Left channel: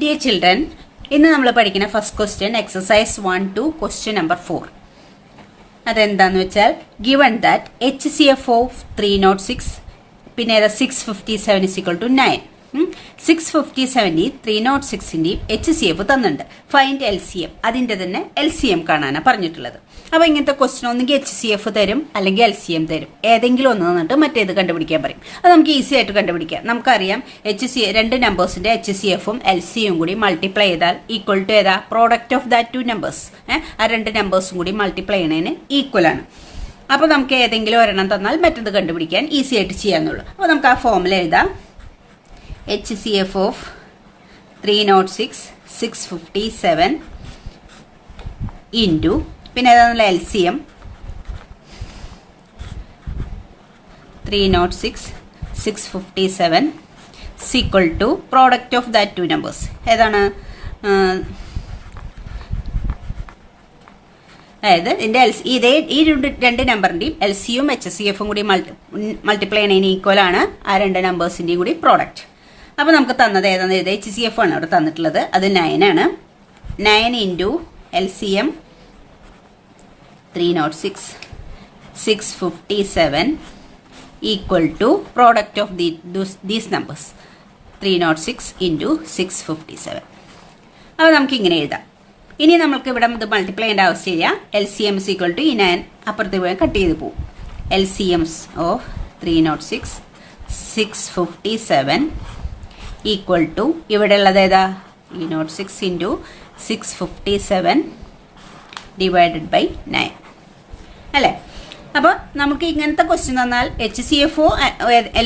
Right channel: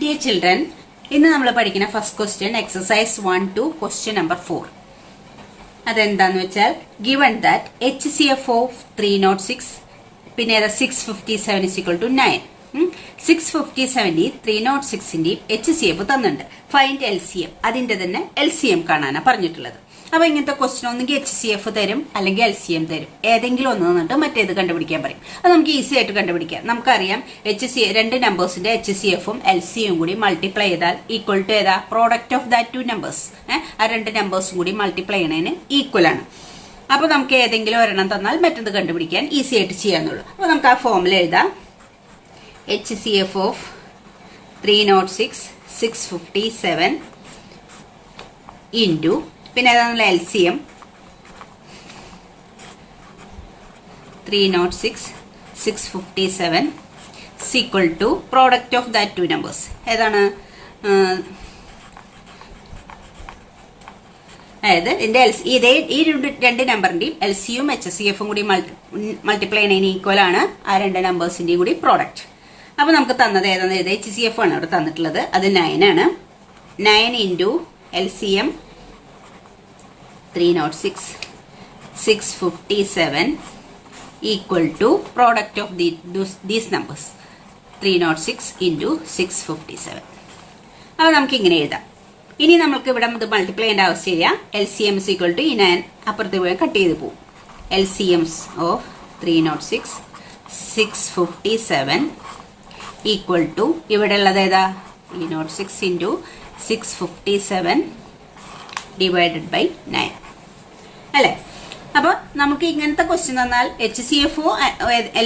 Dear children, ഇന്ന് നമ്മൾ പഠിക്കുന്ന first question exercise 1-2 question number 4. അതെന്താന്ന് വെച്ചാൽ ഗിവൺ ദാറ്റ് HCF ഓഫ് 306 പിന്നെ 657 is equal to 9. 657 306 HCF തന്നിട്ടുണ്ട്. Find LCM. അതിന്റെ തന്നെ LCM കാണാനാണ് പറഞ്ഞിട്ടുള്ളത്. അപ്പൊ ഇങ്ങനത്തെ ക്വസ്റ്റ്യൻ ഒന്നെങ്കിൽ HCF തരും അല്ലെങ്കിൽ LCM തരും. ഏതെങ്കിലും ഒന്ന് തന്നിട്ട് മറ്റേത് കണ്ടുപിടിക്കാൻ പറയും. അത് നമുക്ക് ഈസി ആയിട്ട് കണ്ടുപിടിക്കാം. നമുക്കറിയാം രണ്ട് നമ്പേഴ്സിന്റെ HCFും LCM കൂടി മൾട്ടിപ്ലൈ ചെയ്താൽ ഈക്വൽ ടു ഏതാ product of that two numbers. ആ രണ്ട് നമ്പേഴ്സും കൂടി മൾട്ടിപ്ലൈ ചെയ്യുന്നതിന് ഈക്വൽ ആണ്. അപ്പൊ നമുക്ക് ഏതെങ്കിലും ഒരെണ്ണം തന്നാൽ മറ്റേത് കണ്ടുപിടിക്കാൻ ഈസി ആയിട്ട് ചെയ്യാന്നുള്ളൂ. അപ്പൊ നമുക്ക് ആ ഫോമിൽ എഴുതാം. HCF of 306 657 into പിന്നെ ഏതാണല്ലോ LCM 306 657 is equal to product of that two numbers. ഏതാണ് അതായത് ഇതിന്റെ ഈ രണ്ട് നമ്പറിന്റെയും LCയും HCFും കൂടി മൾട്ടിപ്ലൈ ചെയ്യുന്നതിന് ഈക്വൽ ആണ് ആ രണ്ട് നമ്പേഴ്സിന്റെയും കൂടി പ്രോഡക്റ്റ്. അപ്പൊ നമുക്ക് തന്നത് ഏതാണെന്ന് എഴുതി HCF ആണ് അവിടെ തന്നിട്ടുള്ളത്. അത് 9 ആണ്. 9 into LCM 306 657 equal to product of these numbers 306 into 657. അത് നമുക്ക് ഇങ്ങനെ എഴുതാം. ഇനി നമുക്ക് ഇവിടെ ഇത് മൾട്ടിപ്ലൈ ചെയ്യേണ്ട ആവശ്യമില്ല. LCM is equal to ഈ 9 അപ്പുറത്ത് പോയി കട്ട് ചെയ്ത് പോകും. LCM of 306 657 ഈക്വൽ ടു ഇവിടെ ഉള്ളത് ഏതാ 306 into 657 ഡിവൈഡഡ് ബൈ 9 അല്ലെ. അപ്പൊ നമുക്ക് ഇങ്ങനത്തെ ക്വസ്റ്റ്യൻ തന്നാൽ HCFO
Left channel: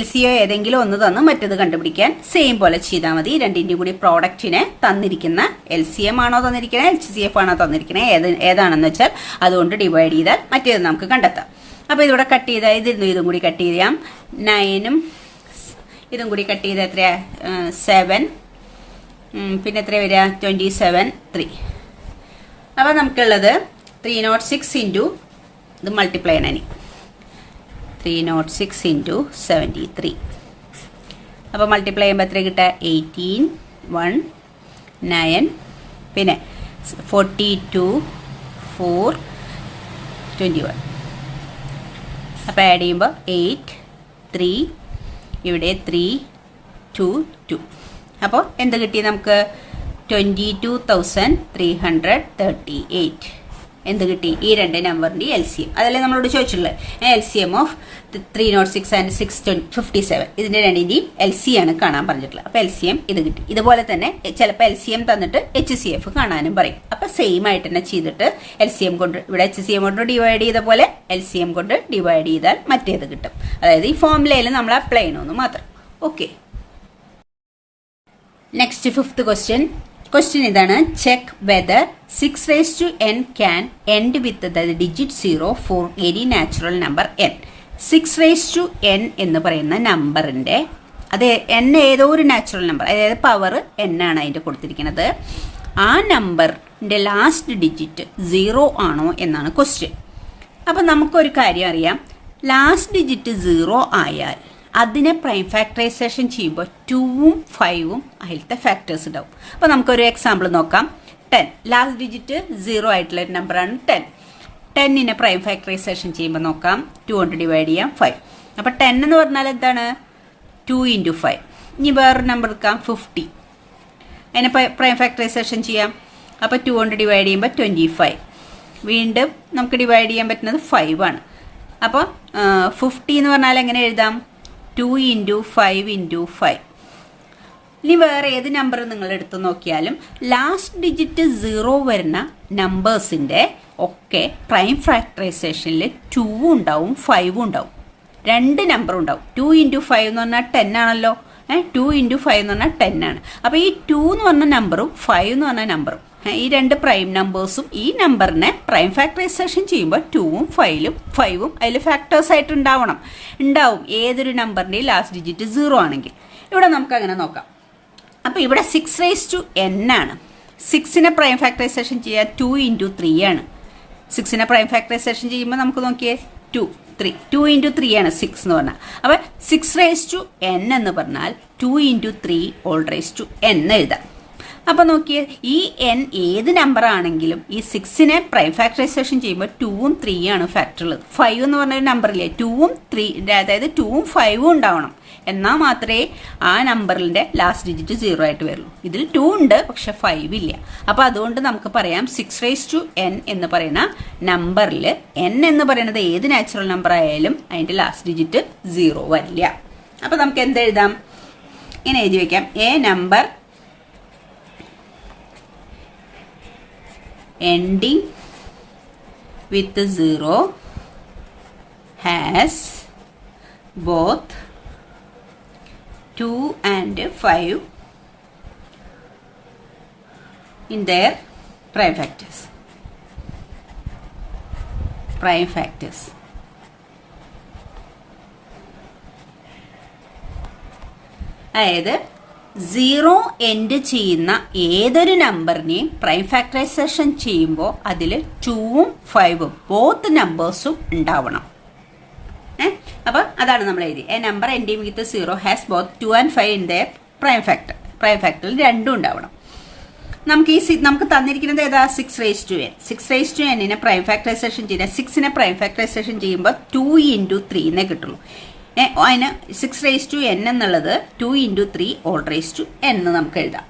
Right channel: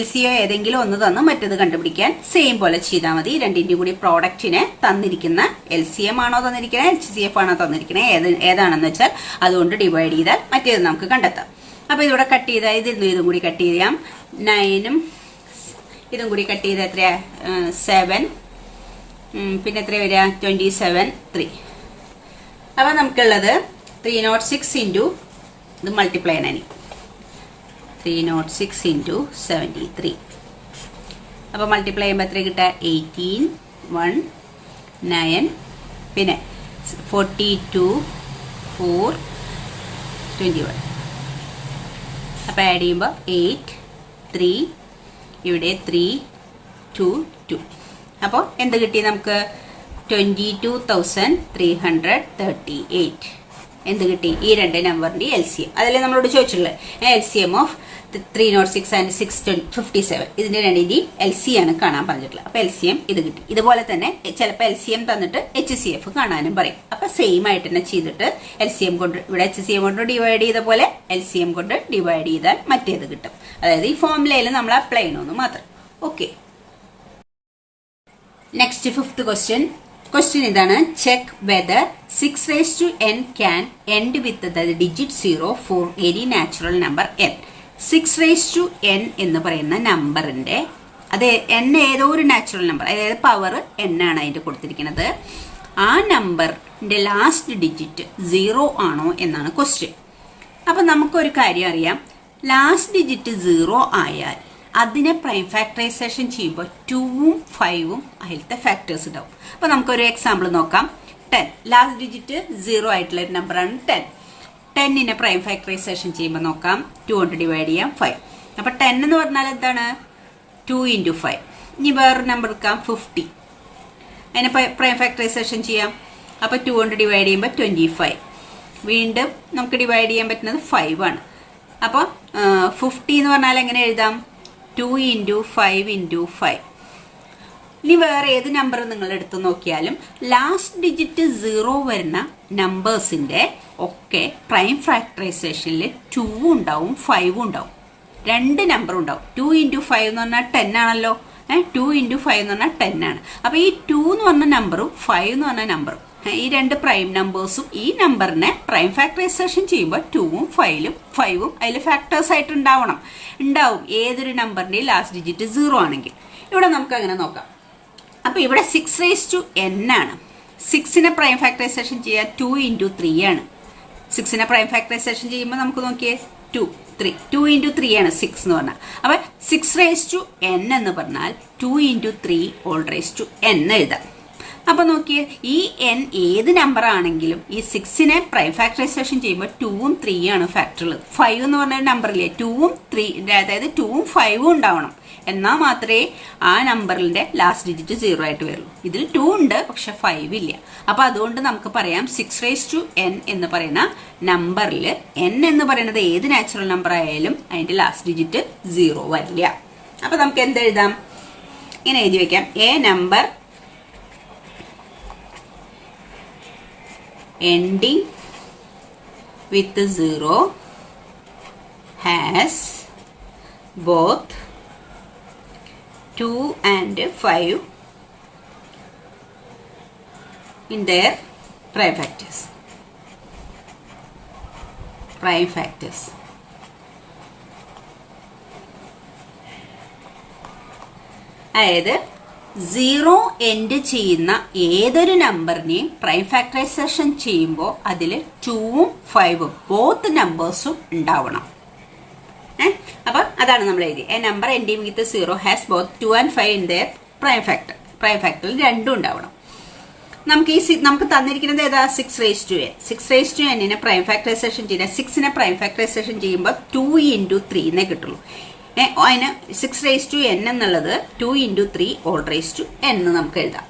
LCO ഏതെങ്കിലും ഒന്ന് തന്ന് മറ്റേത് കണ്ടുപിടിക്കാൻ സെയിം പോലെ ചെയ്താൽ മതി. രണ്ടിന്റെയും കൂടി പ്രോഡക്റ്റിനെ തന്നിരിക്കുന്ന LCM ആണോ തന്നിരിക്കണേ HCF ആണോ തന്നിരിക്കണേ ഏതാണെന്ന് വെച്ചാൽ അതുകൊണ്ട് ഡിവൈഡ് ചെയ്താൽ മറ്റേത് നമുക്ക് കണ്ടെത്താം. അപ്പൊ ഇതിവിടെ കട്ട് ചെയ്താൽ ഇതും കൂടി കട്ട് ചെയ്യാം. 9ഉം ഇതും കൂടി കട്ട് ചെയ്താൽ എത്രയാ 7 പിന്നെ എത്ര വരിക 27 3. അപ്പൊ നമുക്കുള്ളത് 306 into ഇത് മൾട്ടിപ്ലൈ ചെയ്യണം. 306 into 73. അപ്പൊ മൾട്ടിപ്ലൈ ചെയ്യുമ്പോൾ എത്ര കിട്ടുക 18 1 9 പിന്നെ 42 4 21. അപ്പൊ ആഡ് ചെയ്യുമ്പോൾ 8 3 ഇവിടെ 3 2 2. അപ്പോൾ എന്ത് കിട്ടി നമുക്ക് 22,338. എന്ത് കിട്ടി ഈ രണ്ട് നമ്പറിന്റെ LCM. അതല്ലേ നമ്മളോട് ചോദിച്ചിട്ടുള്ളത്. LCM ഓഫ് 306 and 657 ഇതിന്റെ രണ്ടിന്റെയും LCM ആണ് കാണാൻ പറഞ്ഞിട്ടുള്ളത്. അപ്പൊ LCM ഇത് കിട്ടി. ഇതുപോലെ തന്നെ ചിലപ്പോൾ LCM തന്നിട്ട് HCF കാണാനും പറയും. അപ്പൊ സെയിം ആയിട്ട് തന്നെ ചെയ്തിട്ട് LCM കൊണ്ട് ഇവിടെ HCM കൊണ്ട് ഡിവൈഡ് ചെയ്ത പോലെ LCM കൊണ്ട് ഡിവൈഡ് ചെയ്താൽ മറ്റേത് കിട്ടും. അതായത് ഈ ഫോർമുലയിൽ നമ്മൾ അപ്ലൈ ചെയ്യണമെന്ന് മാത്രം. Okay, next fifth question. Question ഇതാണ്. Check whether 6 raised to n can end with the digit 0 for any natural number n. 6 raised to n എന്ന് പറയുന്ന നമ്പറിന്റെ അത് n ഏതോ ഒരു നാച്ചുറൽ നമ്പർ, അതായത് പവർ n ആണ് അതിന്റെ കൊടുത്തിരിക്കുന്നത്. ആ നമ്പറിന്റെ ലാസ്റ്റ് ഡിജിറ്റ് 0 ആണോ എന്നാണ് ക്വസ്റ്റ്യൻ. അപ്പൊ നമുക്കൊരു കാര്യം അറിയാം. ലാസ്റ്റ് ഡിജിറ്റ് 0 ആയാൽ അതിനെ പ്രൈം ഫാക്ടറൈസേഷൻ ചെയ്യുമ്പോൾ 2ഉം 5ഉം അതിലത്തെ ഫാക്ടേഴ്സ് ഉണ്ടാവും. അപ്പൊ നമുക്കൊരു എക്സാമ്പിൾ നോക്കാം. 10 ലാസ്റ്റ് ഡിജിറ്റ് 0 ആയിട്ടുള്ള ഒരു നമ്പറാണ് 10. 10നെ പ്രൈം ഫാക്ടറൈസേഷൻ ചെയ്യുമ്പോൾ നോക്കാം. 2 കൊണ്ട് ഡിവൈഡ് ചെയ്യാം 5. അപ്പൊ 10 എന്ന് പറഞ്ഞാൽ എന്താണ് 2 into 5. ഇനി വേറൊരു നമ്പർ എടുക്കാം 50. അതിനെ പ്രൈം ഫാക്ടറൈസേഷൻ ചെയ്യാം. അപ്പൊ 2 കൊണ്ട് ഡിവൈഡ് ചെയ്യുമ്പോൾ 25. വീണ്ടും നമുക്ക് ഡിവൈഡ് ചെയ്യാൻ പറ്റുന്നത് 5 ആണ്. അപ്പൊ 50 എന്ന് പറഞ്ഞാൽ എങ്ങനെ എഴുതാം 2 into 5 into 5. ഇനി വേറെ ഏത് നമ്പർ നിങ്ങൾ എടുത്തു നോക്കിയാലും ലാസ്റ്റ് ഡിജിറ്റ് 0 വരുന്ന നമ്പേഴ്സിന്റെ ഒക്കെ പ്രൈം ഫാക്ടറൈസേഷനിൽ 2 ഉണ്ടാവും 5 ഉണ്ടാവും. രണ്ട് നമ്പർ ഉണ്ടാവും. 2 into 5 എന്ന് പറഞ്ഞാൽ 10 ആണല്ലോ. 2 into 5 എന്ന് പറഞ്ഞാൽ 10 ആണ്. അപ്പൊ ഈ 2 എന്ന് പറഞ്ഞ നമ്പറും 5 എന്ന് പറഞ്ഞ നമ്പറും ഈ രണ്ട് പ്രൈം നമ്പേഴ്സും ഈ നമ്പറിനെ പ്രൈം ഫാക്ടറൈസേഷൻ ചെയ്യുമ്പോൾ 2ഉം 5ഉം അതിൽ ഫാക്ടേഴ്സ് ആയിട്ട് ഉണ്ടാവും ഏതൊരു നമ്പറിന്റെയും ലാസ്റ്റ് ഡിജിറ്റ് 0 ആണെങ്കിൽ. ഇവിടെ നമുക്ക് അങ്ങനെ നോക്കാം. അപ്പൊ ഇവിടെ 6 raised to n ആണ്. 6നെ പ്രൈം ഫാക്ടറൈസേഷൻ ചെയ്യാൻ 2 into 3 ആണ്. 6നെ പ്രൈം ഫാക്ടറൈസേഷൻ ചെയ്യുമ്പോൾ നമുക്ക് നോക്കിയേ 2 3 2 into 3 ആണ് 6 എന്ന് പറഞ്ഞാൽ. അപ്പൊ 6 raised to n എന്ന് പറഞ്ഞാൽ 2 into 3 all raised to n എഴുതാം. അപ്പൊ നോക്കിയേ, ഈ n ഏത് നമ്പർ ആണെങ്കിലും ഈ 6നെ പ്രൈം ഫാക്ടറൈസേഷൻ ചെയ്യുമ്പോൾ 2ഉം 3 ആണ് ഫാക്ടർ ഉള്ളത്. 5 എന്ന് പറഞ്ഞൊരു നമ്പറില്ലേ, 2ഉം 3, അതായത് 2ഉം 5ഉം ഉണ്ടാവണം. എന്നാൽ മാത്രമേ ആ നമ്പറിന്റെ ലാസ്റ്റ് ഡിജിറ്റ് 0 ആയിട്ട് വരൂ. ഇതിൽ 2 ഉണ്ട്, പക്ഷെ 5 ഇല്ല. അപ്പൊ അതുകൊണ്ട് നമുക്ക് പറയാം 6n എന്ന് പറയുന്ന നമ്പറിൽ n എന്ന് പറയുന്നത് ഏത് നാച്ചുറൽ നമ്പർ ആയാലും അതിന്റെ ലാസ്റ്റ് ഡിജിറ്റ് 0 വരില്ല. അപ്പൊ നമുക്ക് എന്തെഴുതാം, ഇങ്ങനെ എഴുതി വെക്കാം, A number ending with 0 has both 2 and 5 in their prime factors. അതായത് 0 എൻഡ് ചെയ്യുന്ന ഏതൊരു നമ്പറിനെയും പ്രൈം ഫാക്ടറൈസേഷൻ ചെയ്യുമ്പോൾ അതിൽ 2ഉം 5ഉം ബോത്ത് നമ്പേഴ്സും ഉണ്ടാവണം. അപ്പൊ അതാണ് നമ്മൾ എഴുതി, a number ending with 0 has both 2 and 5 in their prime factor. പ്രൈം ഫാക്ടറിൽ രണ്ടും ഉണ്ടാവണം. നമുക്ക് തന്നിരിക്കുന്നത് ഏതാ, 6n. 6n പ്രൈം ഫാക്ടറൈസേഷൻ ചെയ്യുന്ന 6നെ പ്രൈം ഫാക്ടറൈസേഷൻ ചെയ്യുമ്പോൾ 2 into 3 എന്നേ കിട്ടുള്ളൂ. അതിന് 6n എന്നുള്ളത് 2 into 3 all raised to n എന്ന് നമുക്ക് എഴുതാം.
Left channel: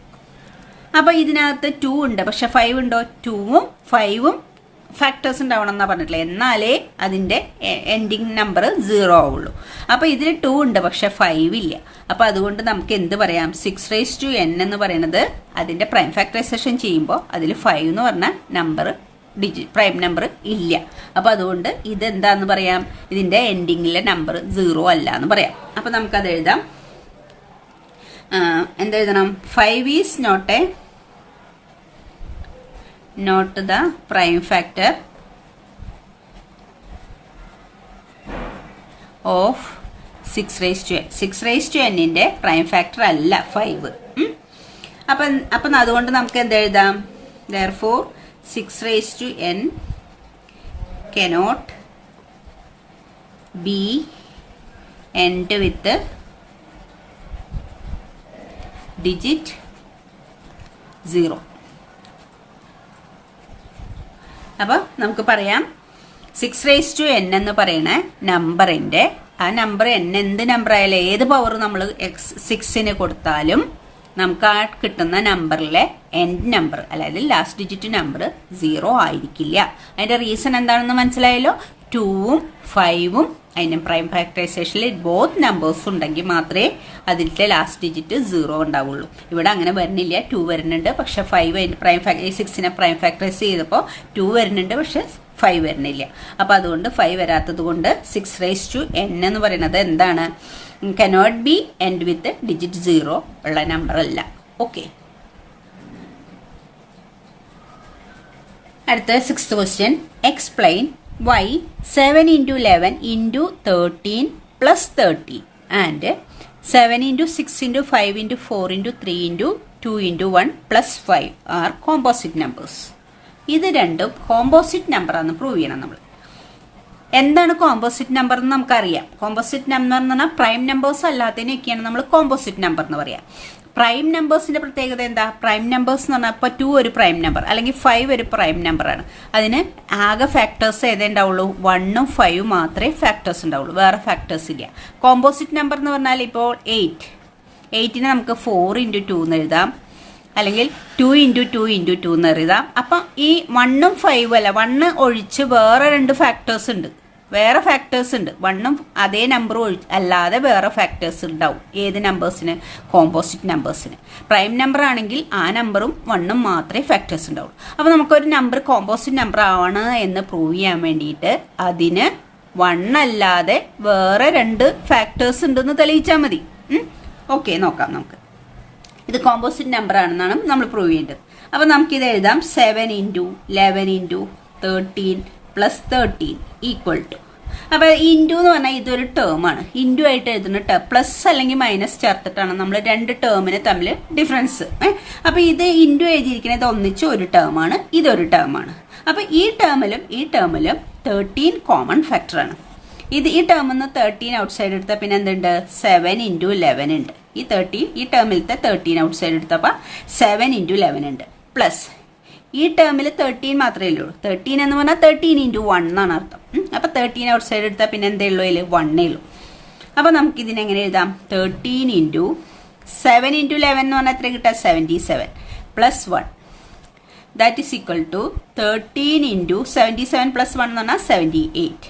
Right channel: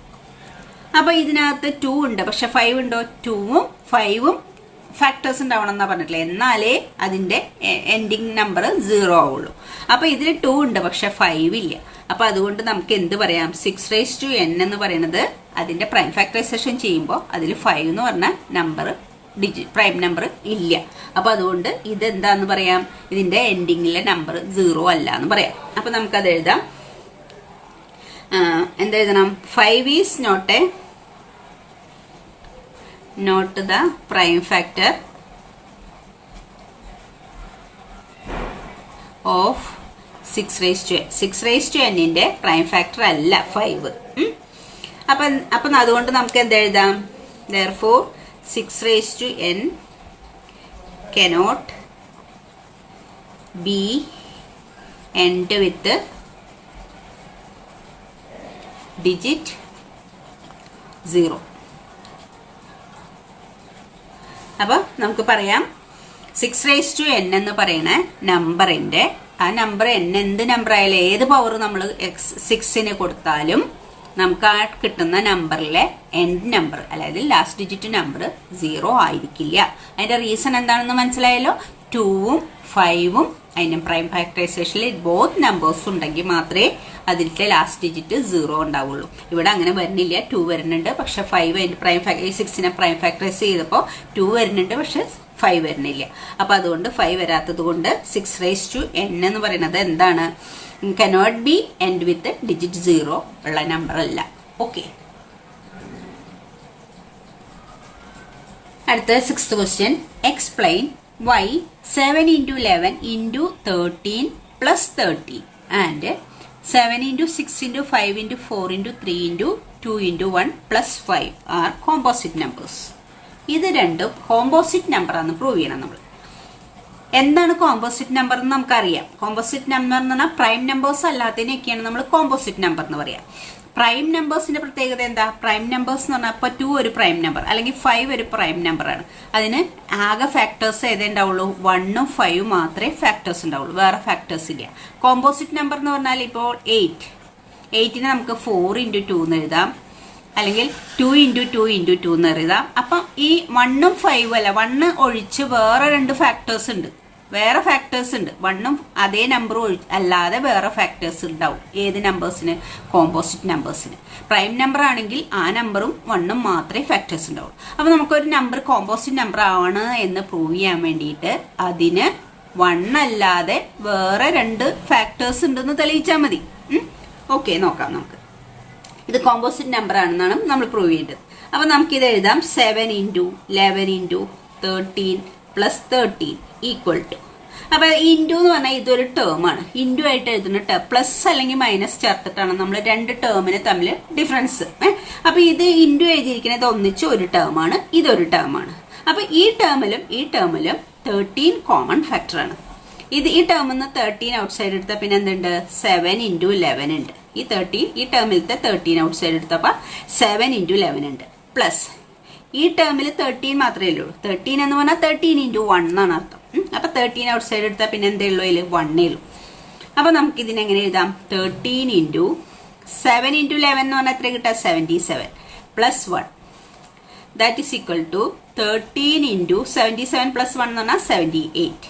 അപ്പൊ ഇതിനകത്ത് 2 ഉണ്ട്, പക്ഷെ 5 ഉണ്ടോ, 2ഉം 5ഉം ഫാക്ടേഴ്സ് ഉണ്ടാവണം എന്നാ പറഞ്ഞിട്ടില്ല, എന്നാലേ അതിന്റെ എൻഡിങ് നമ്പർ 0 ആവുള്ളൂ. അപ്പൊ ഇതിൽ 2 ഉണ്ട്, പക്ഷെ 5 ഇല്ല. അപ്പൊ അതുകൊണ്ട് നമുക്ക് എന്ത് പറയാം, 6n എന്ന് പറയുന്നത് അതിന്റെ പ്രൈം ഫാക്ടറൈസേഷൻ ചെയ്യുമ്പോൾ അതിൽ 5 എന്ന് പറഞ്ഞ നമ്പർ പ്രൈം നമ്പർ ഇല്ല. അപ്പൊ അതുകൊണ്ട് ഇതെന്താന്ന് പറയാം, ഇതിന്റെ എൻഡിങ്ങിലെ നമ്പർ 0 അല്ല എന്ന് പറയാം. അപ്പൊ നമുക്കത് എഴുതാം, എന്തെഴുതണം, 5 is not the prime factor of 6n. 6n prime factor അല്ല 5. അപ്പൊ അതുകൊണ്ട് നമുക്ക് എന്തെഴുതാം, therefore 6n cannot be end with digit 0. അപ്പൊ നമുക്ക് പറയാം 6n എന്ന് പറയുന്ന നമ്പറിന്റെ ആ നമ്പർ n എന്ത് നമ്പർ ആയാലും ഏത് പവർ നമ്മൾ 6ന് കൊടുത്താലും നമുക്ക് ആ കിട്ടുന്ന നമ്പറിലെ എൻഡ് നമ്പർ, അതായത് ലാസ്റ്റ് ഡിജിറ്റ് നമ്പർ 0 ആയിരിക്കില്ല. അതിന്റെ റീസൺ എന്താണെന്ന് മനസ്സിലായല്ലോ, 2ഉം 5ഉം അതിന്റെ പ്രൈം ഫാക്ടറൈസേഷനിൽ ബോത്ത് നമ്പേഴ്സ് ഉണ്ടെങ്കിൽ മാത്രമേ അതിന്റെ ലാസ്റ്റ് ഡിജിറ്റ് 0 ഉണ്ടാവുള്ളൂ. ഇവിടെ അങ്ങനെ വരുന്നില്ല, 2 വരുന്നുണ്ട്, പക്ഷെ 5 അതിന്റെ പ്രൈം 6നെ പ്രൈം ഫാക്ടറൈസ് ചെയ്തപ്പോൾ 2 വരുന്നുണ്ട്, പക്ഷെ 5 വരുന്നില്ല. അപ്പൊ അതുകൊണ്ട് 5 വരാത്തത് കൊണ്ട് 6n എന്ന് പറയുന്നത് എന്താണ്, cannot be end with digit 0 ഉള്ള നമ്പർ അല്ല. ഓക്കെ, അടുത്ത 6th question. Explain why 7 into 11 into 13 plus 13 and 7 into 6 into 5 into 4 into 3 into 2 into 1 plus 5 are composite numbers. ഇത് രണ്ടും കോമ്പോസിറ്റ് നമ്പർ ആണെന്ന് പ്രൂവ് ചെയ്യണം നമ്മൾ. എന്താണ് കോമ്പോസിറ്റ് നമ്പർ എന്ന് നമുക്കറിയാം. കോമ്പോസിറ്റ് നമ്പർ എന്ന് പറഞ്ഞാൽ പ്രൈം നമ്പേഴ്സ് അല്ലാത്തതിനൊക്കെയാണ് നമ്മൾ കോമ്പോസിറ്റ് നമ്പർ എന്ന് പറയാം. പ്രൈം നമ്പേഴ്സിന്റെ പ്രത്യേകത എന്താ, പ്രൈം നമ്പേഴ്സ് എന്ന് പറഞ്ഞാൽ ഇപ്പൊ 2 ഒരു പ്രൈം നമ്പർ അല്ലെങ്കിൽ 5 ഒരു പ്രൈം നമ്പറാണ്. അതിന് ആകെ ഫാക്ടേഴ്സ് ഏതേ ഉണ്ടാവുള്ളൂ, 1ഉം 5ഉം മാത്രമേ ഫാക്ടേഴ്സ് ഉണ്ടാവുള്ളൂ, വേറെ ഫാക്ടേഴ്സ് ഇല്ല. കോമ്പോസിറ്റ് നമ്പർ എന്ന് പറഞ്ഞാൽ ഇപ്പോൾ 8നെ നമുക്ക് 4 into 2 എന്ന് എഴുതാം, അല്ലെങ്കിൽ 2 into 2 into 2 എന്ന് എഴുതാം. അപ്പൊ ഈ 1ഉം 5ഉം അല്ല, 1 ഒഴിച്ച് വേറെ 2 ഫാക്ടേഴ്സ് ഉണ്ട്, വേറെ ഫാക്ടേഴ്സ് ഉണ്ട്. 1ഉം അതേ നമ്പർ അല്ലാതെ വേറെ ഫാക്ടേഴ്സ് ഉണ്ടാവും. ഏത് നമ്പേഴ്സിന്, കോമ്പോസിറ്റ് നമ്പേഴ്സിന്. പ്രൈം നമ്പർ ആണെങ്കിൽ ആ നമ്പറും 1ഉം മാത്രമേ ഫാക്ടേഴ്സ് ഉണ്ടാവുള്ളൂ. അപ്പൊ നമുക്കൊരു നമ്പർ കോമ്പോസിറ്റ് നമ്പർ ആണ് എന്ന് പ്രൂവ് ചെയ്യാൻ വേണ്ടിയിട്ട് അതിന് 1 അല്ലാതെ വേറെ 2 ഫാക്ടേഴ്സ് ഉണ്ടെന്ന് തെളിയിച്ചാൽ മതി. ഓക്കെ, നോക്കാം നമുക്ക്. ഇത് കോമ്പോസിറ്റ് നമ്പർ ആണെന്നാണ് നമ്മൾ പ്രൂവ് ചെയ്യേണ്ടത്. അപ്പൊ നമുക്കിത് എഴുതാം, 7 into 11 into 13 plus 13 equal to. അപ്പൊ ഇൻറ്റു എന്ന് പറഞ്ഞാൽ ഇതൊരു ടേം ആണ്. ഇൻറ്റു ആയിട്ട് എഴുതുന്ന ടേം പ്ലസ് അല്ലെങ്കിൽ മൈനസ് ചേർത്തിട്ടാണ് നമ്മൾ 2 ടേമിന് തമ്മിൽ ഡിഫറൻസ്. അപ്പൊ ഇത് ഇൻറ്റു എഴുതിയിരിക്കുന്നത് ഒന്നിച്ച് ഒരു ടേം ആണ്, ഇതൊരു ടേം ആണ്. അപ്പൊ ഈ ടേമിലും 13 കോമൺ ഫാക്ടർ ആണ്. ഈ ടേമിൽ നിന്ന് 13 ഔട്ട് സൈഡ് എടുത്താൽ പിന്നെ എന്തുണ്ട്, 7 into 11 ഉണ്ട്. ഈ 13 ഈ ടേമിലത്തെ 13 ഔട്ട് സൈഡ് എടുത്തപ്പോൾ 7 into 11 ഉണ്ട്. പ്ലസ് ഈ ടേമിൽ 13 മാത്രമേ ഉള്ളൂ. 13 എന്ന് പറഞ്ഞാൽ 13 into 1 എന്നാണ് അർത്ഥം. അപ്പൊ 13 ഔട്ട് സൈഡ് എടുത്താൽ പിന്നെ എന്തേ ഉള്ളൂ, അതിൽ 1 ഉള്ളൂ. അപ്പൊ നമുക്ക് ഇതിനെങ്ങനെ എഴുതാം, 13 into 7 into 11 എന്ന് പറഞ്ഞാൽ എത്ര കിട്ടാം, 77 plus 1 that is equal to 13 into 77 plus 1 എന്ന് പറഞ്ഞാൽ 78.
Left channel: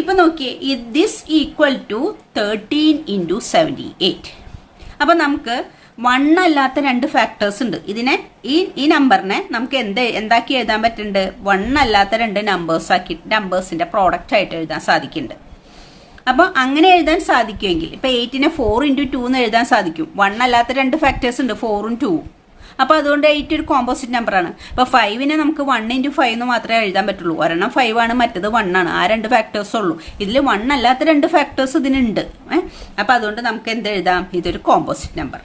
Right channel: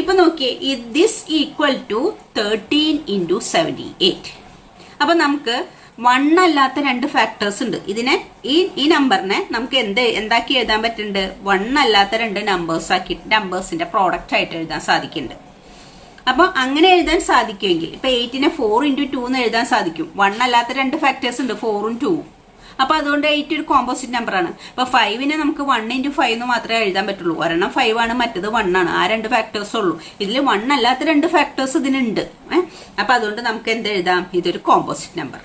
ഇപ്പൊ നോക്കിയേ, ദിസ് ഈക്വൽ ടു 13 into 78. അപ്പൊ നമുക്ക് 1 അല്ലാത്ത 2 ഫാക്ടേഴ്സ് ഉണ്ട്. ഇതിനെ ഈ നമ്പറിനെ നമുക്ക് എന്താക്കി എഴുതാൻ പറ്റുന്നുണ്ട്, 1 അല്ലാത്ത 2 നമ്പേഴ്സിന്റെ പ്രോഡക്റ്റ് ആയിട്ട് എഴുതാൻ സാധിക്കുന്നുണ്ട്. അപ്പൊ അങ്ങനെ എഴുതാൻ സാധിക്കുമെങ്കിൽ ഇപ്പൊ 8നെ 4 into 2 എന്ന് എഴുതാൻ സാധിക്കും. 1 അല്ലാത്ത 2 ഫാക്ടേഴ്സ് ഉണ്ട്, 4ഉം 2ഉം. അപ്പൊ അതുകൊണ്ട് 8 ഒരു കോമ്പോസിറ്റ് നമ്പർ ആണ്. അപ്പൊ 5നെ നമുക്ക് 1 into 5 എന്ന് മാത്രമേ എഴുതാൻ പറ്റുള്ളൂ. ഒരെണ്ണം 5 ആണ്, മറ്റത് 1 ആണ്. ആ 2 ഫാക്ടേഴ്സ് ഉള്ളൂ. ഇതിൽ 1 അല്ലാത്ത 2 ഫാക്ടേഴ്സ് ഇതിനുണ്ട്. അപ്പൊ അതുകൊണ്ട് നമുക്ക് എന്ത് എഴുതാം, ഇതൊരു composite number.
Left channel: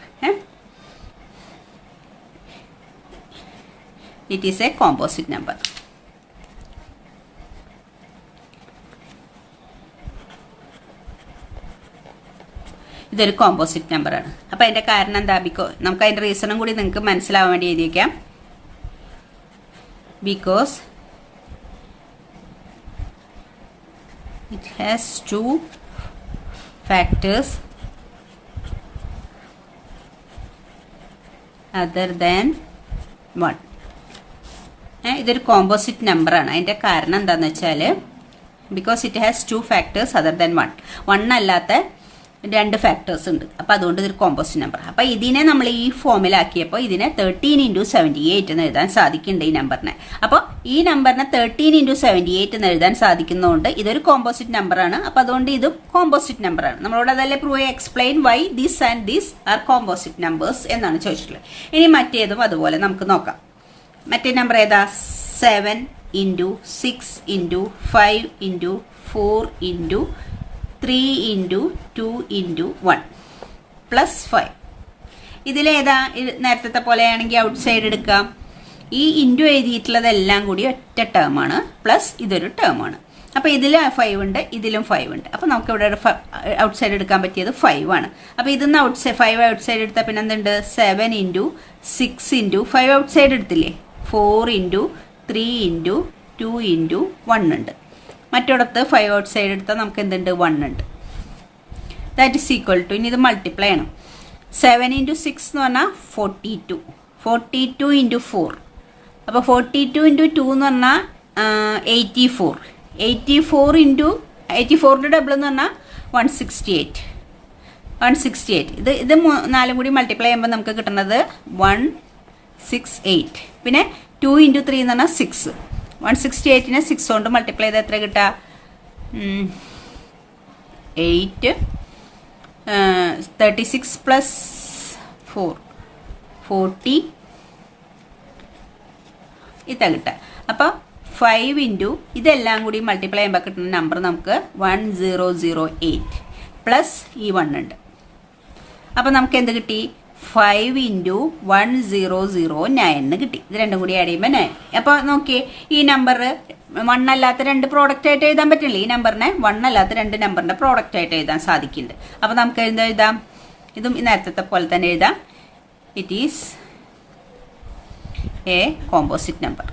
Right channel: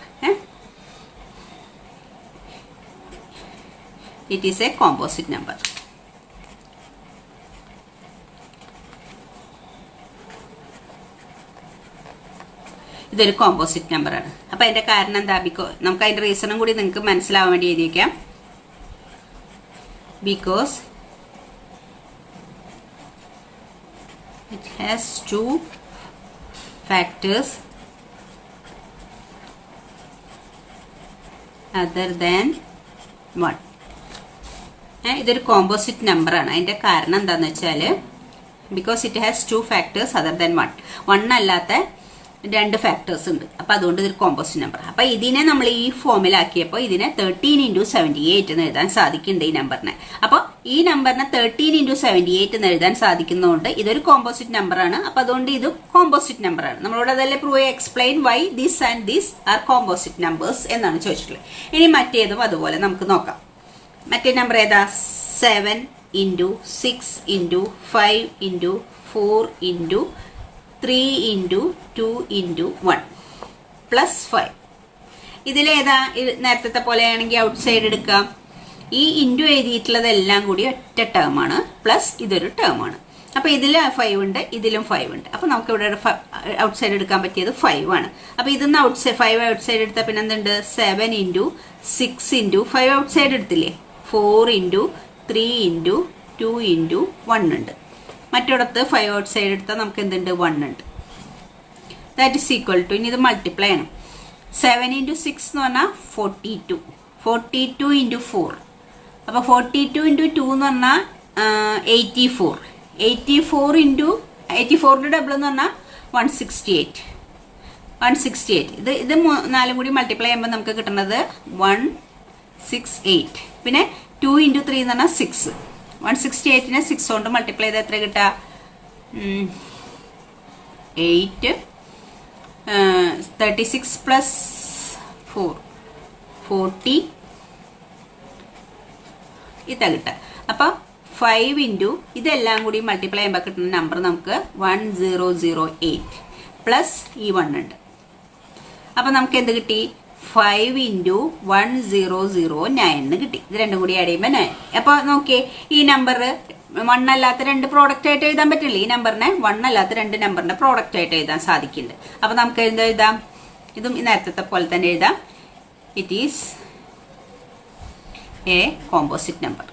It is A composite number. ഇതൊരു കോമ്പോസിറ്റ് നമ്പർ ആണ്. അപ്പൊ അതിന്റെ കാരണം എന്താ, നമുക്ക് അതിന്റെ റീസണും കൂടി നിങ്ങൾക്ക് മനസ്സിലാവാൻ വേണ്ടി എഴുതിയിരിക്കാം. Because it has 2 factors other than 1. ഇതൊരു കോമ്പോസിറ്റ് നമ്പർ ആണ്. അതിന്റെ കാരണം എന്താന്ന് വെച്ചാല് because it has 2 factors other than 1 അല്ലാത്ത 2 ഫാക്ടേഴ്സ് ഉണ്ട്. അപ്പൊ അതുകൊണ്ട് ഇതൊരു കോമ്പോസിറ്റ് നമ്പർ. അപ്പൊ ഇതിനെ നമ്മൾ ഈ ഫോമിലാക്കിയപ്പോൾ ഇതിനെ 13 into 78 എന്ന് എഴുതാൻ സാധിക്കുന്നുണ്ട് ഈ നമ്പറിനെ. അപ്പൊ ഈ നമ്പറിനെ 13 into 78 എന്ന് എഴുതാൻ സാധിക്കുന്നതുകൊണ്ട് ഇതൊരു കോമ്പോസിറ്റ് നമ്പർ ആണ്. അപ്പൊ അതുകൊണ്ട് ഇത് കോമ്പോസിറ്റ് നമ്പർ ആണ്. നമ്മളോട് അതല്ലേ prove explain why this and this are composite numbers എന്നാണ് ചോദിച്ചിട്ടുള്ളത്. ഇനി മറ്റേതും അതുപോലെ നമുക്ക് നോക്കാം. മറ്റേ നമ്പർ ഏതാ, 7 into 6 into 5 into 4 into 3 into 2 into 1 plus 5. ഇതിലേതാ, നേരത്തെ പോലെയാണെങ്കിൽ ഔട്ട് സൈഡ് എടുക്കാം. ഈ ഇൻറ്റു എഴുതിയിട്ടുള്ളതെല്ലാം കൂടി ഒറ്റ ടേം ആണ്, പ്ലസ് ഇതൊരു ടേം ആണ്. അപ്പൊ ഇതിൽ 5 ഉണ്ട്, ഇതിലും 5 ഉണ്ട്. അപ്പൊ നമുക്ക് ഇവിടെ ഔട്ട് സൈഡ് എടുക്കാൻ പറ്റിയത് 5 ആണ്. അപ്പൊ ഇതിന്ന് 5 ഔട്ട് സൈഡ് എടുത്താൽ പിന്നെ എന്തുണ്ട്, 7 into 6 into 5 ഔട്ട് സൈഡ് എടുത്തില്ലേ, 4 into 3 into 2 into 1 ഉണ്ട്. മറ്റൊടത്ത് 5 ഔട്ട് സൈഡ് എടുത്താൽ നമുക്ക് എന്തുണ്ട്, 1 ഉണ്ട്. ദാറ്റ് ഈസ് ഈക്വൽ ടു, ഇനി ഇത് മൾട്ടിപ്ലൈ ആണ്. 7 into 6 എന്ന് പറഞ്ഞാൽ 42 into 4. അപ്പൊ 42 into 2 എന്ന് പറഞ്ഞാൽ 84 into 84ന്റെ ഡബിൾ എന്ന് പറഞ്ഞാൽ 168. ഇത് 4 കൂടി മൾട്ടിപ്ലൈ ചെയ്യുമ്പോൾ നമുക്ക് കിട്ടുന്നത് 168. പിന്നെ 2 into 3 എന്ന് പറഞ്ഞാൽ 6. 168നെ 6 കൊണ്ട് മൾട്ടിപ്ലൈ ചെയ്ത് എത്ര കിട്ടുക, 8. 36 പ്ലസ് 4 40 ഇതാ കിട്ടുക. അപ്പൊ 5 into ഇതെല്ലാം കൂടി മൾട്ടിപ്ലൈ ചെയ്യുമ്പോൾ കിട്ടുന്ന നമ്പർ നമുക്ക് 1008 പ്ലസ് ഈ 1 ഉണ്ട്. അപ്പൊ നമുക്ക് എന്ത് കിട്ടി, 5 into 1009 എന്ന് കിട്ടി. ഇത് രണ്ടും കൂടി ആഡ് ചെയ്യുമ്പോൾ 9. അപ്പൊ നോക്കിയേ, ഈ നമ്പർ 1 അല്ലാത്ത 2 പ്രോഡക്റ്റ് ആയിട്ട് എഴുതാൻ പറ്റില്ല. ഈ നമ്പറിനെ 1 അല്ലാത്ത 2 നമ്പറിന്റെ പ്രോഡക്റ്റ് ആയിട്ട് എഴുതാൻ സാധിക്കുന്നുണ്ട്. അപ്പൊ നമുക്ക് എഴുതാം, ഇതും നേരത്തെ പോലെ തന്നെ എഴുതാം. It is A composite number.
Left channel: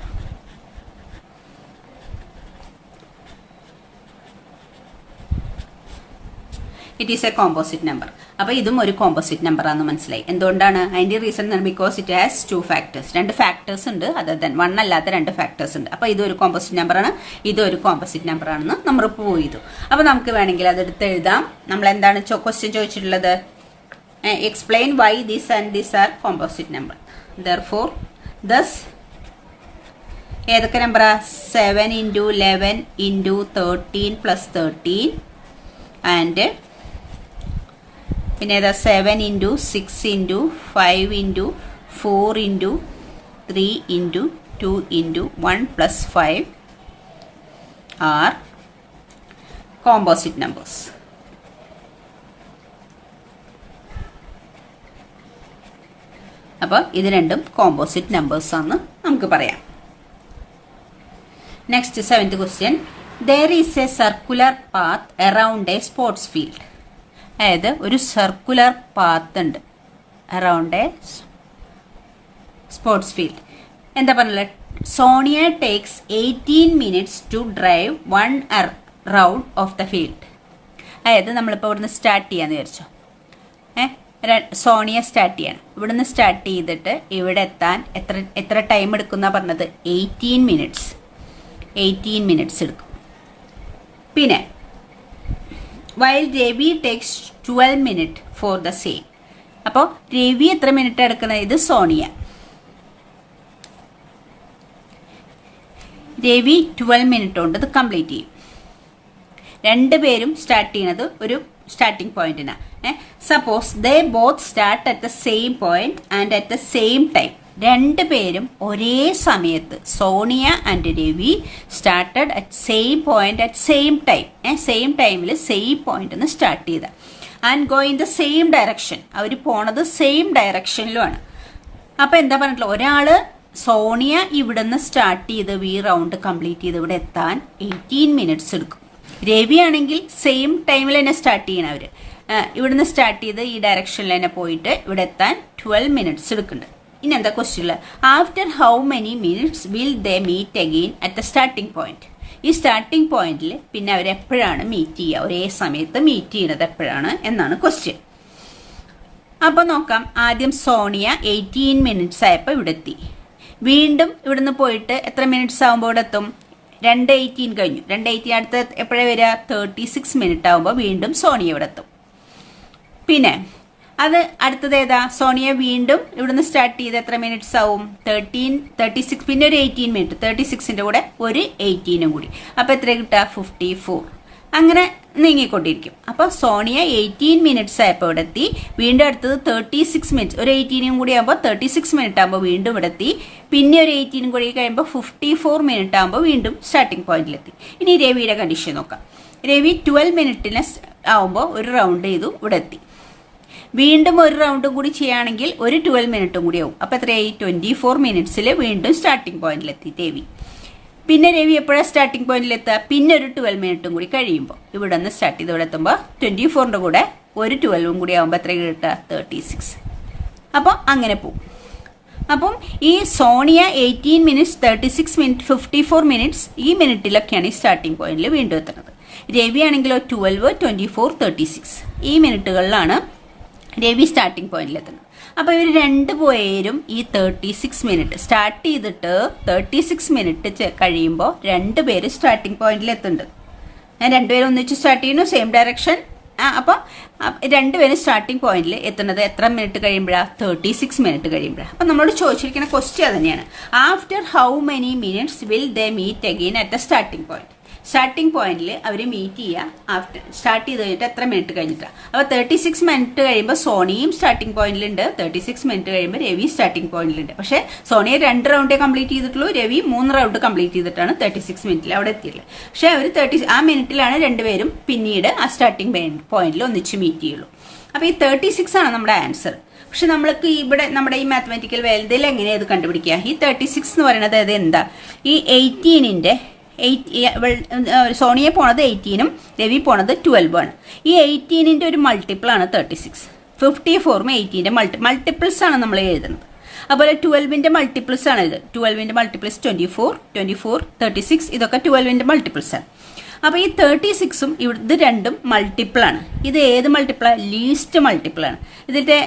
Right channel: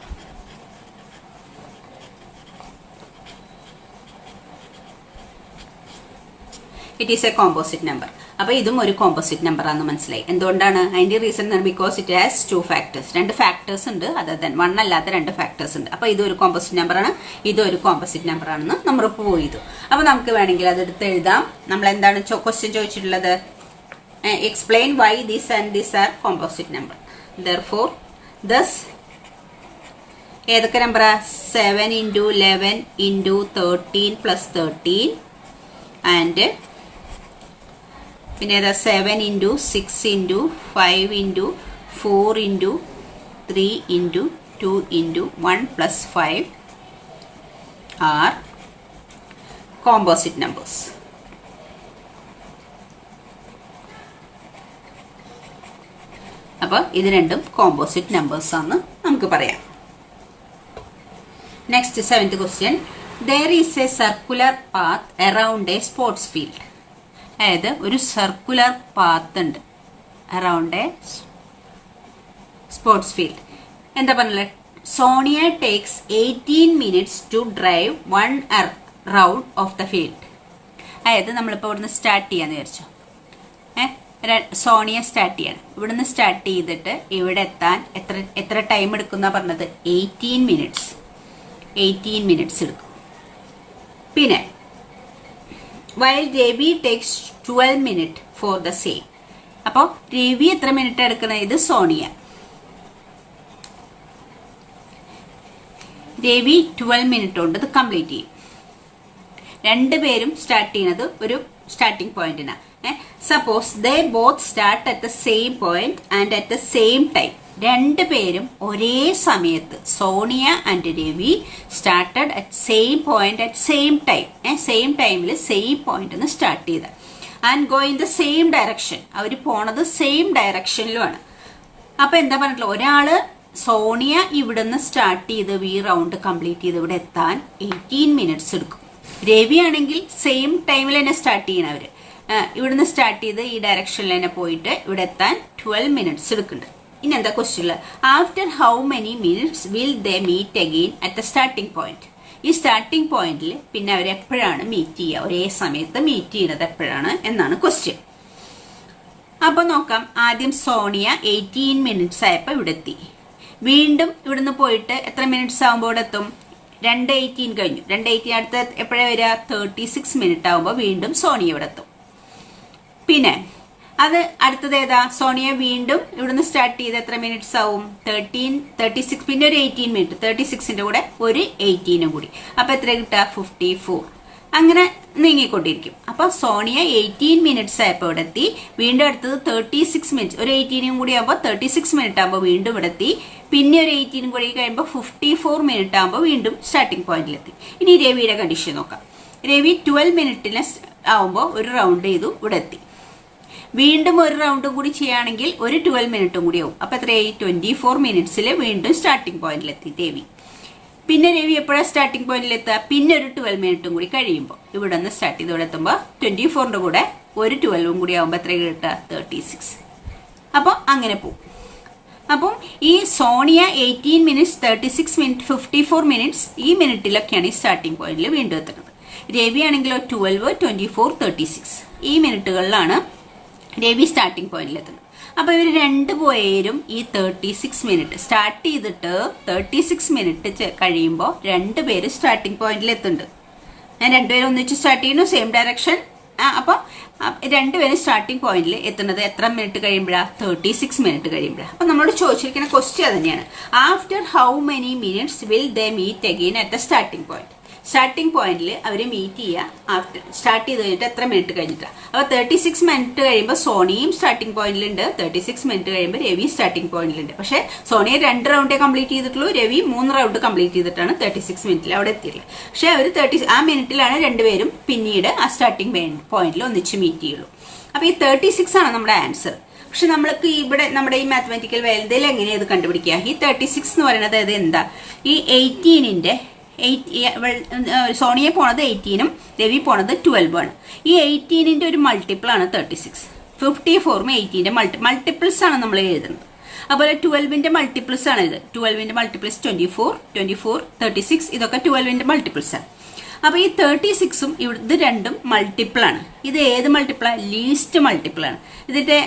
It is A composite number. അപ്പൊ ഇതും ഒരു കോമ്പോസിറ്റ് നമ്പർ ആണെന്ന് മനസ്സിലായി. എന്തുകൊണ്ടാണ്, അതിന്റെ reason because it has 2 factors. 2 factors ഉണ്ട്, അതർ ദാൻ 1 അല്ലാത്ത 2 ഫാക്ടേഴ്സ് ഉണ്ട്. അപ്പൊ ഇതൊരു കോമ്പോസിറ്റ് നമ്പർ ആണ്, ഇതൊരു കോമ്പോസിറ്റ് നമ്പർ ആണെന്ന് നമ്മൾ പ്രൂവ് ചെയ്തു. അപ്പൊ നമുക്ക് വേണമെങ്കിൽ അതെടുത്ത് എഴുതാം. നമ്മൾ എന്താണ് ക്വസ്റ്റ്യൻ ചോദിച്ചിട്ടുള്ളത്, explain why this and this are composite number. Therefore thus ഏതൊക്കെ നമ്പറാ, 7 into 11 into 13 plus 13 ആൻഡ് പിന്നെ ഏതാ 7 into 6 into 5 into 4 into 3 into 2 into 1 plus 5 are composite numbers. അപ്പോൾ ഇത് രണ്ടും കോമ്പോസിറ്റ് നമ്പേഴ്സ് ആണെന്ന് നമുക്ക് പറയാം. Next 7th question. There is a circular path around a sports field. അതായത് ഒരു സർക്കുലർ പാത്ത് ഉണ്ട് അറൗണ്ട് എ സ്പോർട്സ് ഫീൽഡ്. എന്താ പറഞ്ഞത്? Sonia takes 18 minutes to drive 1 round of the field. അതായത് നമ്മളിപ്പോൾ ഇവിടുന്ന് സ്റ്റാർട്ട് ചെയ്യാന്ന് വിചാരിച്ചോ. സോണിയ സ്റ്റാർട്ട് ചെയ്യണം. ഇവിടുന്ന് സ്റ്റാർട്ട് ചെയ്തിട്ട് ഇവിടെ എത്താൻ എത്ര ടൈം എടുക്കുന്ന പറഞ്ഞത്? 18 minutes. 18 minutes എടുക്കും. പിന്നെ while Ravi takes 12 minutes for the same. അപ്പോൾ രവി എത്ര മിനിറ്റ് എടുക്കുന്നത്? ഇത് സോണിയ. രവി 12 minutes കൊണ്ട് ഇത് കംപ്ലീറ്റ് ചെയ്യും. രണ്ടുപേരും സ്റ്റാർട്ട് ചെയ്യുന്നത് ഒരു സ്റ്റാർട്ടിംഗ് പോയിന്റിനാണ്. Suppose they both start at the same point and at the same time. രണ്ടുപേരും ഒരേ സമയത്ത്, Sonia and Ravi started at same point at same time. Same ടൈമിൽ സെയിം പോയിന്റ് സ്റ്റാർട്ട് ചെയ്ത and go in the same direction. അവർ പോണത് same ഡയറക്ഷനിലുമാണ്. അപ്പൊ എന്താ പറഞ്ഞിട്ടുള്ള, ഒരാള് സോണിയ ഇവിടുന്ന് സ്റ്റാർട്ട് ചെയ്ത് ഈ റൗണ്ട് കംപ്ലീറ്റ് ചെയ്ത് ഇവിടെ എത്താൻ 18 minutes എടുക്കും. രവി ആണെങ്കിൽ സെയിം ടൈമിൽ തന്നെ സ്റ്റാർട്ട് ചെയ്യണം. അവര് ഇവിടുന്ന് സ്റ്റാർട്ട് ചെയ്ത് ഈ ഡയറക്ഷനിൽ തന്നെ പോയിട്ട് ഇവിടെ എത്താൻ 12 minutes എടുക്കുന്നുണ്ട്. ഇനി എന്താ question? After how many minutes will they meet again at the starting point. ഈ സ്റ്റാർട്ടിംഗ് പോയിന്റിൽ പിന്നെ അവർ എപ്പോഴാണ് മീറ്റ് ചെയ്യുക? ഒരേ സമയത്ത് മീറ്റ് ചെയ്യുന്നത് എപ്പോഴാണ് എന്നാണ് ക്വസ്റ്റ്യൻ. അപ്പൊ നോക്കാം. ആദ്യം സോണിയ 18 minutes ആയപ്പോ ഇവിടെ എത്തി. വീണ്ടും ഇവിടുന്ന് പോയിട്ട് എത്ര മിനിറ്റ്സ് ആകുമ്പോൾ ഇവിടെ എത്തും? 2:18 കഴിഞ്ഞു. 2:18 അടുത്ത് എപ്പോഴാണ് വരിക? 36 minutes ആകുമ്പോൾ വീണ്ടും സോണിയ ഇവിടെ എത്തും. പിന്നെ അത് അടുത്തത് ഏതാ? സോണിയ വീണ്ടും ഇവിടുന്ന് സ്റ്റാർട്ട് ചെയ്ത് എത്ര മിനിറ്റ്സ് ആവും? 36. പിന്നെ ഒരു 18 minutes. 36ന്റെ കൂടെ ഒരു 18 കൂടി. അപ്പൊ എത്ര കിട്ടുക? 54. അങ്ങനെ നീങ്ങിക്കൊണ്ടിരിക്കും. അപ്പൊ സോണിയ 18 minutes ആയപ്പോ ഇവിടെ എത്തി. വീണ്ടും അടുത്തത് 36 minutes. ഒരു 18 കൂടി ആകുമ്പോൾ 36 minutes ആകുമ്പോൾ വീണ്ടും ഇവിടെ എത്തി. പിന്നെ ഒരു 18 കൂടി കഴിയുമ്പോൾ 54 minutes ആകുമ്പോൾ വീണ്ടും സ്റ്റാർട്ടിംഗ് പോയിന്റിലെത്തി. ഇനി രവിയുടെ കണ്ടീഷൻ നോക്കാം. രവി 12 minutes ആവുമ്പോൾ ഒരു റൗണ്ട് ചെയ്തു ഇവിടെ എത്തി. വീണ്ടും ഒരു റൗണ്ടും കൂടി ചെയ്യുകയാണെങ്കിൽ ഒരു 12 minutes കൂടി ആവും. അപ്പൊ എത്രയായി? 24 minutes വീണ്ടും സ്റ്റാർട്ടിംഗ് പോയിന്റിലെത്തി രവി. പിന്നെ രവി എപ്പോഴാണ് സ്റ്റാർട്ടിംഗ് പോയിന്റിൽ എത്തുക? പിന്നെ ഒരു 12 minutes കൂടി കഴിയുമ്പോൾ ഇവിടെ നിന്ന് സ്റ്റാർട്ട് ചെയ്ത് ഇവിടെ എത്തുമ്പോൾ 24ന്റെ കൂടെ ഒരു 12 കൂടി ആവുമ്പോൾ എത്ര കിട്ടുക? 36. അപ്പോൾ അങ്ങനെ പോകും. അപ്പം ഈ സോണിയ 18 minutes, 36 minutes, 54 minutes ഈ മിനിറ്റിലൊക്കെയാണ് ഈ സ്റ്റാർട്ടിംഗ് പോയിന്റിൽ വീണ്ടും എത്തുന്നത്. രവി ആണെങ്കിലോ 12, 24, 36 ഈ മിനിറ്റുകളിലാണ് രവി സ്റ്റാർട്ടിംഗ് പോയിന്റിൽ എത്തുന്നത്. അപ്പൊ ഇവർ രണ്ടുപേരും ഈ 36 minutes സ്റ്റാർട്ട് ചെയ്തിട്ട് 36 minutes കഴിയുമ്പോൾ രണ്ടുപേര് സ്റ്റാർട്ടിംഗ് പോയിന്റിൽ എത്തുന്നുണ്ട്. രണ്ടുപേരും ഒന്നിച്ച് സ്റ്റാർട്ട് ചെയ്യുന്നു, സെയിം ഡയറക്ഷൻ. അപ്പൊ രണ്ടുപേരും സ്റ്റാർട്ടിംഗ് പോയിന്റിൽ എത്തുന്നത് എത്ര മിനിറ്റ് കഴിയുമ്പോഴാണ്? 36 minutes കഴിയുമ്പോഴാണ്. അപ്പൊ നമ്മളോട് ചോദിച്ചിരിക്കുന്ന ക്വസ്റ്റ്യൻ തന്നെയാണ്. After how many minutes will they meet again at the starting point. Starting പോയിന്റിൽ അവർ മീറ്റ് ചെയ്യുക ആഫ്റ്റർ സ്റ്റാർട്ട് ചെയ്ത് കഴിഞ്ഞിട്ട് എത്ര മിനിറ്റ് കഴിഞ്ഞിട്ടാണ്? അപ്പൊ 36 minutes കഴിയുമ്പോൾ സോണിയും സ്റ്റാർട്ടിംഗ് പോയിന്റിലുണ്ട്, 36 minutes കഴിയുമ്പോൾ രവി സ്റ്റാർട്ടിംഗ് പോയിന്റിലുണ്ട്. പക്ഷെ സോണിയ 2 റൗണ്ടേ കംപ്ലീറ്റ് ചെയ്തിട്ടുള്ളൂ, രവി 3 റൗണ്ട് കംപ്ലീറ്റ് ചെയ്തിട്ടാണ് 36 minutes അവിടെ എത്തിയിട്ടുള്ളത്. പക്ഷെ അവർ ആ മിനിറ്റിലാണ് രണ്ടുപേരും പിന്നീട് ആ സ്റ്റാർട്ടിംഗ് പോയിന്റിൽ ഒന്നിച്ച് മീറ്റ് ചെയ്യുള്ളൂ. അപ്പൊ ഈ 36 ആണ് നമ്മുടെ ആൻസർ. പക്ഷെ നമ്മൾക്ക് ഇവിടെ നമ്മുടെ ഈ മാത്തമാറ്റിക്കൽ വേൽഡിൽ എങ്ങനെയാണ് ഇത് കണ്ടുപിടിക്കുക? ഈ 36 എന്ന് പറയുന്നത് അത് എന്താ? ഈ 18ന്റെ സോണിയെ പോണത് 18ഉം രവി പോണത് 12 ആണ്. ഈ 18ന്റെ ഒരു മൾട്ടിപ്പിൾ ആണ് 36. 54ഉം 18ന്റെ മൾട്ടിപ്പിൾസ് ആണ് നമ്മൾ എഴുതുന്നത്. അതുപോലെ 12ന്റെ മൾട്ടിപ്പിൾസ് ആണ് ഇത്. 12ന്റെ മൾട്ടിപ്പിൾസ് 24, 24, 36 ഇതൊക്കെ 12ന്റെ മൾട്ടിപ്പിൾസ് ആണ്. അപ്പൊ ഈ 36ഉം ഇത് രണ്ടും മൾട്ടിപ്പിൾ ആണ്. ഇത് ഏത് മൾട്ടിപ്പിളാ? ലീസ്റ്റ് മൾട്ടിപ്പിൾ ആണ്. ഇതിന്റെ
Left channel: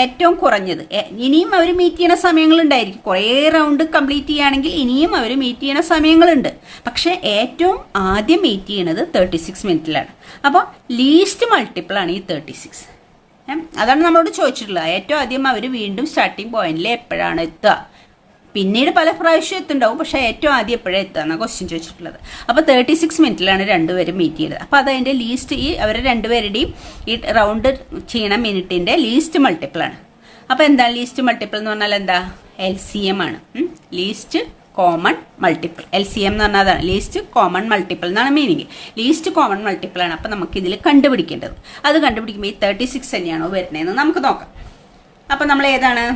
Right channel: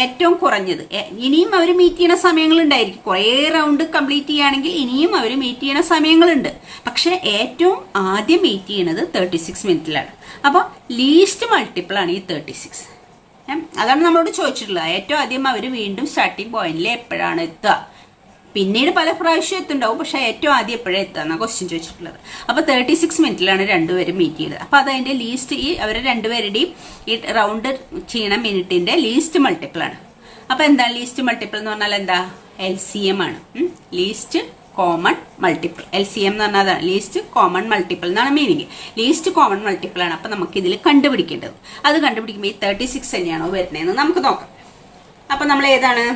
ഏറ്റവും കുറഞ്ഞത്. ഇനിയും അവർ മീറ്റ് ചെയ്യുന്ന സമയങ്ങളുണ്ടായിരിക്കും. കുറെ റൗണ്ട് കംപ്ലീറ്റ് ചെയ്യുകയാണെങ്കിൽ ഇനിയും അവർ മീറ്റ് ചെയ്യുന്ന സമയങ്ങളുണ്ട്. പക്ഷെ ഏറ്റവും ആദ്യം മീറ്റ് ചെയ്യുന്നത് 36 മിനിറ്റിലാണ്. അപ്പൊ ലീസ്റ്റ് മൾട്ടിപ്പിൾ ആണ് ഈ 36. അതാണ് നമ്മളോട് ചോദിച്ചിട്ടുള്ളത്. ഏറ്റവും ആദ്യം അവർ വീണ്ടും സ്റ്റാർട്ടിംഗ് പോയിന്റിൽ എപ്പോഴാണ് എത്തുക? പിന്നീട് പല പ്രാവശ്യം എത്തുണ്ടാവും, പക്ഷെ ഏറ്റവും ആദ്യം എപ്പോഴേ എത്താന്നാ ക്വസ്റ്റ്യൻ ചോദിച്ചിട്ടുള്ളത്. അപ്പൊ 36 മിനിറ്റിലാണ് രണ്ടുപേരും മീറ്റ് ചെയ്യുന്നത്. അപ്പൊ അതതിന്റെ ലീസ്റ്റ്, ഈ അവരെ രണ്ടുപേരുടെയും ഈ റൗണ്ട് ചെയ്യണ മിനിറ്റിന്റെ ലീസ്റ്റ് മൾട്ടിപ്പിൾ ആണ്. അപ്പൊ എന്താ ലീസ്റ്റ് മൾട്ടിപ്പിൾ എന്ന് പറഞ്ഞാൽ? എന്താ? LCM ആണ്. Least common multiple. LCM എന്ന് പറഞ്ഞാൽ അതാണ്, ലീസ്റ്റ് കോമൺ മൾട്ടിപ്പിൾ എന്നാണ് മീനിങ്. ലീസ്റ്റ് കോമൺ മൾട്ടിപ്പിൾ ആണ്. അപ്പൊ നമുക്ക് ഇതിൽ കണ്ടുപിടിക്കേണ്ടത്. അത് കണ്ടുപിടിക്കുമ്പോൾ ഈ 36 തന്നെയാണോ വരുന്നതെന്ന് നമുക്ക് നോക്കാം. അപ്പൊ നമ്മൾ ഏതാണ്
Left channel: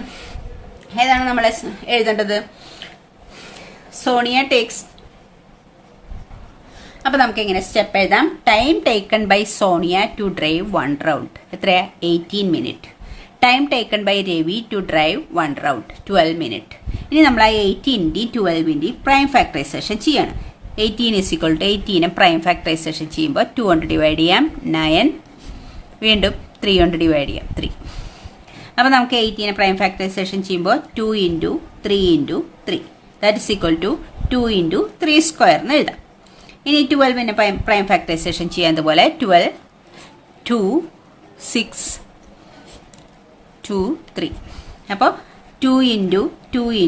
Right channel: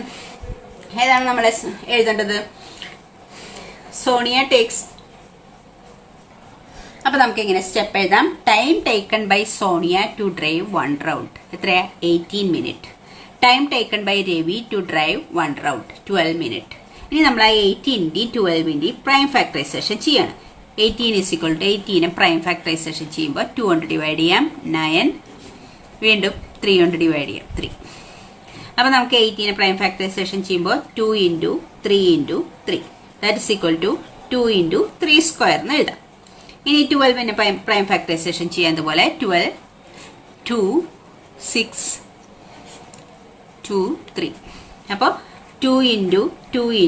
നമ്മൾ എഴുതേണ്ടത്? സോണിയ ടേക്സ്. അപ്പൊ നമുക്ക് ഇങ്ങനെ സ്റ്റെപ്പ് എഴുതാം. Time taken by Sonia to drive 1 round എത്രയാ 18 minute. Time taken by Ravi to drive 1 round 12 minute. ഇനി നമ്മൾ ആ 18ന്റെയും 12ന്റെയും പ്രൈം ഫാക്ടറൈസേഷൻ ചെയ്യാണ്. 18 പ്രൈം ഫാക്ടറൈസേഷൻ ചെയ്യുമ്പോൾ 2 കൊണ്ട് ഡിവൈഡ് ചെയ്യാം 9, വീണ്ടും 3 കൊണ്ട് ഡിവൈഡ് ചെയ്യാം 3. അപ്പൊ നമുക്ക് 18 പ്രൈം ഫാക്ടറൈസേഷൻ ചെയ്യുമ്പോൾ 2 × 3 × 3 that is equal to 2 × 3 square എന്ന് എഴുതാം. ഇനി 12ന്റെ പ്രൈം ഫാക്ടറൈസേഷൻ ചെയ്യാത്തതുപോലെ 12, 2, 6, 2, 3. അപ്പോൾ 2 × 2 ×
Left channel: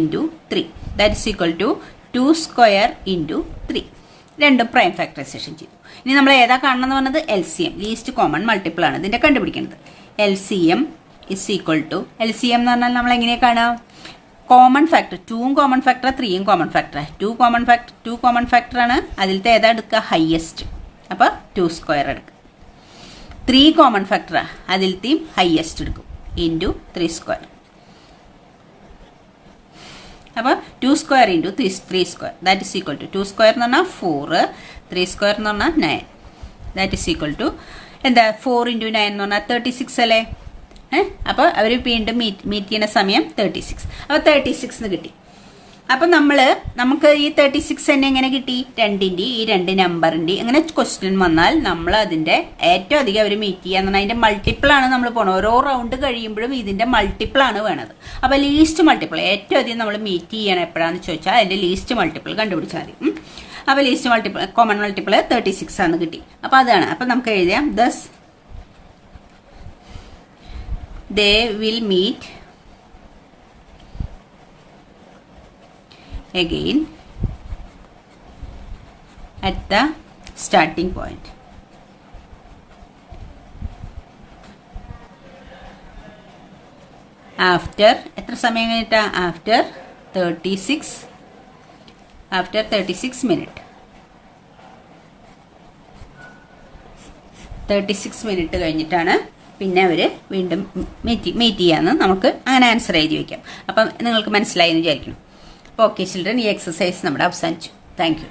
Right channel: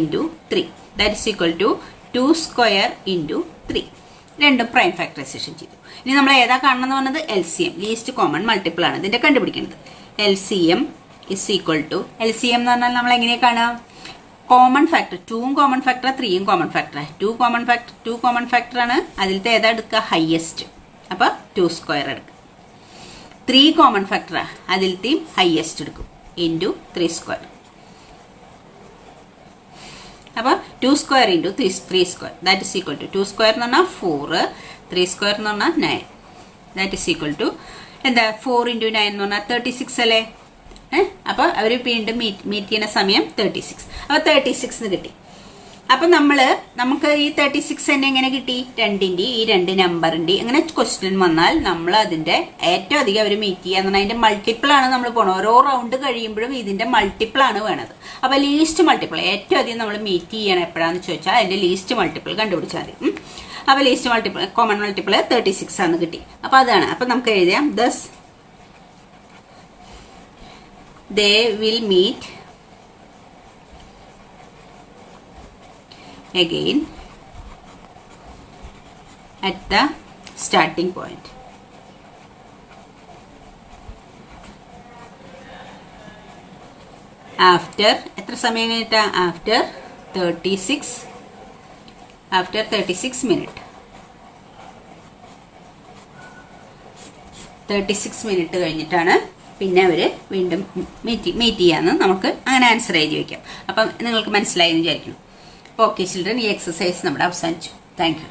3 that is equal to 2 square × 3. രണ്ടും പ്രൈം ഫാക്ടറൈസേഷൻ ചെയ്തു. ഇനി നമ്മൾ ഏതാ കാണണമെന്ന് പറഞ്ഞത് LCM, ലീസ്റ്റ് കോമൺ മൾട്ടിപ്പിൾ ആണ് ഇതിന്റെ കണ്ടുപിടിക്കുന്നത്. LCM is equal to, LCM എന്ന് പറഞ്ഞാൽ നമ്മൾ എങ്ങനെയാ കാണാം? കോമൺ ഫാക്ടർ 2ഉം കോമൺ ഫാക്ടർ 3ഉം കോമൺ ഫാക്ടർ. 2 കോമൺ ഫാക്ടർ ആണ്, അതിലത്തെ ഏതാ എടുക്കുക? ഹയസ്റ്റ്. അപ്പൊ 2 സ്ക്വയർ എടുക്കും. 3 കോമൺ ഫാക്ടർ അതിലത്തെയും ഹയസ്റ്റ് എടുക്കും × 3 സ്ക്വയർ. അപ്പൊ 2 square × 3 square that is equal to 2 square എന്ന് പറഞ്ഞാൽ 4, 3 സ്ക്വയർ എന്ന് പറഞ്ഞാൽ 9 ദാറ്റ് ഇസ് ഈക്വൽ ടു എന്താ 4 × 9 എന്ന് പറഞ്ഞാൽ 36 അല്ലേ? അപ്പൊ അവര് വീണ്ടും മീറ്റ് ചെയ്യുന്ന സമയം 36. അപ്പൊ 36 കിട്ടി. അപ്പൊ നമുക്ക് ഈ 36 തന്നെ എങ്ങനെ കിട്ടി? 2ന്റെ ഈ 2 നമ്പറിന്റെ അങ്ങനെ ക്വസ്റ്റ്യൻ വന്നാൽ നമ്മൾ അതിന്റെ ഏറ്റവും അധികം അവർ മീറ്റ് ചെയ്യാന്ന് പറഞ്ഞാൽ അതിന്റെ മൾട്ടിപ്പിൾ ആണ് നമ്മൾ പോകണം. ഓരോ റൗണ്ട് കഴിയുമ്പോഴും ഇതിന്റെ മൾട്ടിപ്പിൾ ആണ് വേണത്. അപ്പൊ ലീസ്റ്റ് മൾട്ടിപ്പിൾ ഏറ്റവും അധികം നമ്മൾ മീറ്റ് ചെയ്യണം എപ്പോഴാന്ന് ചോദിച്ചാൽ അതിന്റെ ലീസ്റ്റ് മൾട്ടിപ്പിൾ കണ്ടുപിടിച്ചാൽ മതി. അപ്പൊ ലീസ്റ്റ് മൾട്ടിപ്പിൾ കോമൺ മൾട്ടിപ്പിൾ 36 ആണ് കിട്ടി. അപ്പൊ അതാണ്. അപ്പൊ നമുക്ക് എഴുതാം thus they will meet again at the starting point. After എത്ര സമയം കഴിഞ്ഞിട്ടാ? After 36 minutes. 36 മിനിറ്റ് കഴിഞ്ഞിട്ടാണ് പിന്നെ അവര് വീണ്ടും മീറ്റ് ചെയ്യാന്ന് നമുക്ക് അങ്ങനെ ആൻസർ എഴുതി വെക്കാം. അപ്പം നിങ്ങൾക്ക് മനസ്സിലായി എന്ന് വിചാരിക്കുന്നു. ഓക്കെ ചിൽഡ്രൻ, ഈ എക്സസൈസ് നമ്മുടെ അവസാനിച്ചു. Thank you.